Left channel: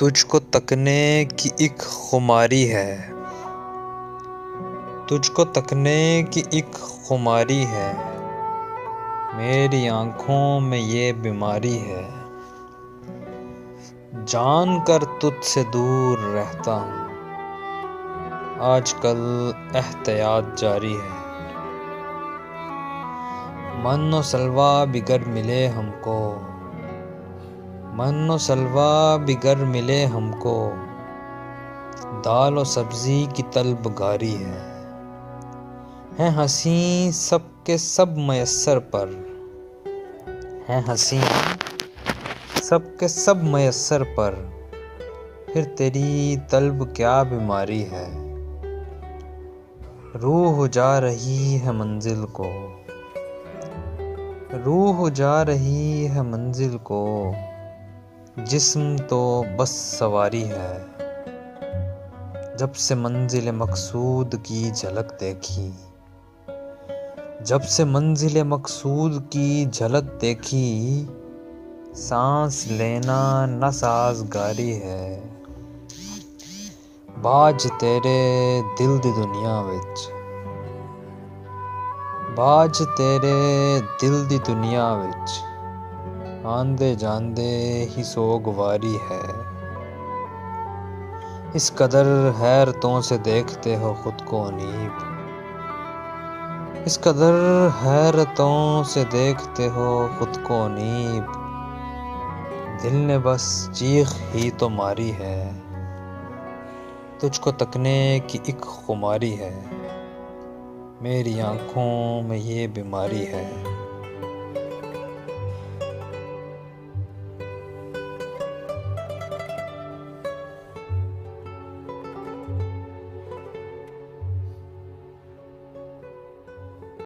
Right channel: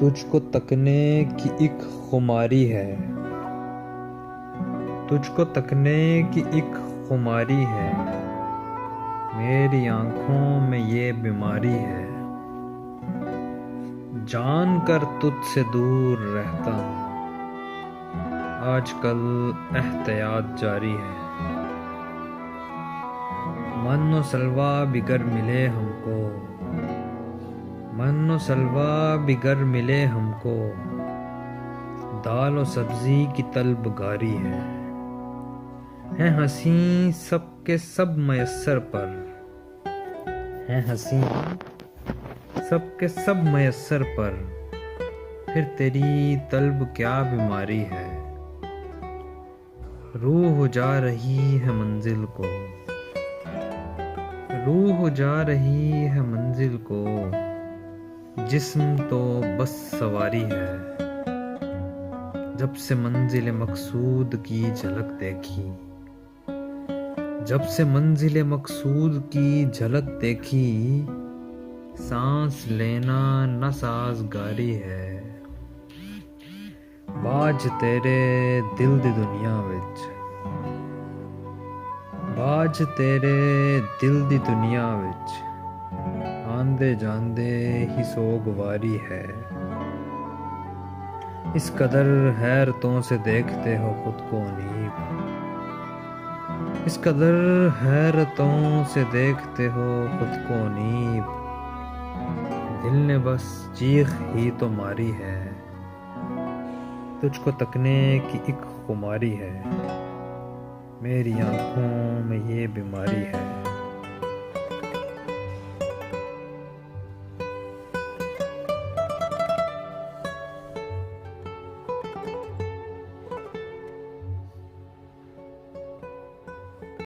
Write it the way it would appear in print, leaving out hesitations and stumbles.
तुझको तकने की एक खुमारी है, तुझको तकने की एक खुमारी है, मेरी आँखों में ये बीमारी है। जान कर तुझसे दूर रहता हूँ, आजकल एहतियात जारी है। मन्नो सलवा बिगर मिले हमको, मन्नो सलवा बिगर मिले हमको, दाल और सब्जी की तलबगारी है हंसी सबके सब मयस्सर पर, है हंसी सबके सब मयस्सर पर, फिर तेरी तलब क्या बीमारी है। रूह जा रही है मंजिल को, रूह जा रही है मंजिल को, जिस्म तो बस सवारी है। जब से मंजिल मकसूद की झलक देखी, जब से मंजिल मकसूद की झलक देखी, सांस लेना न साजगारी है। बाज तेरे दिल दी दुनिया विच, बाज तेरे दिल दी दुनिया विच, आंदे जांदे ही सोगवारी है। इस कदर हैरतों से देखते हो खुद को अनीब, इस कदर हैरतों से देखते हो खुद को अनीब, दिल ने बस चीख ही तो मारी है। तुझको तकने की एक खुमारी है, मेरी आँखों में ये बीमारी है।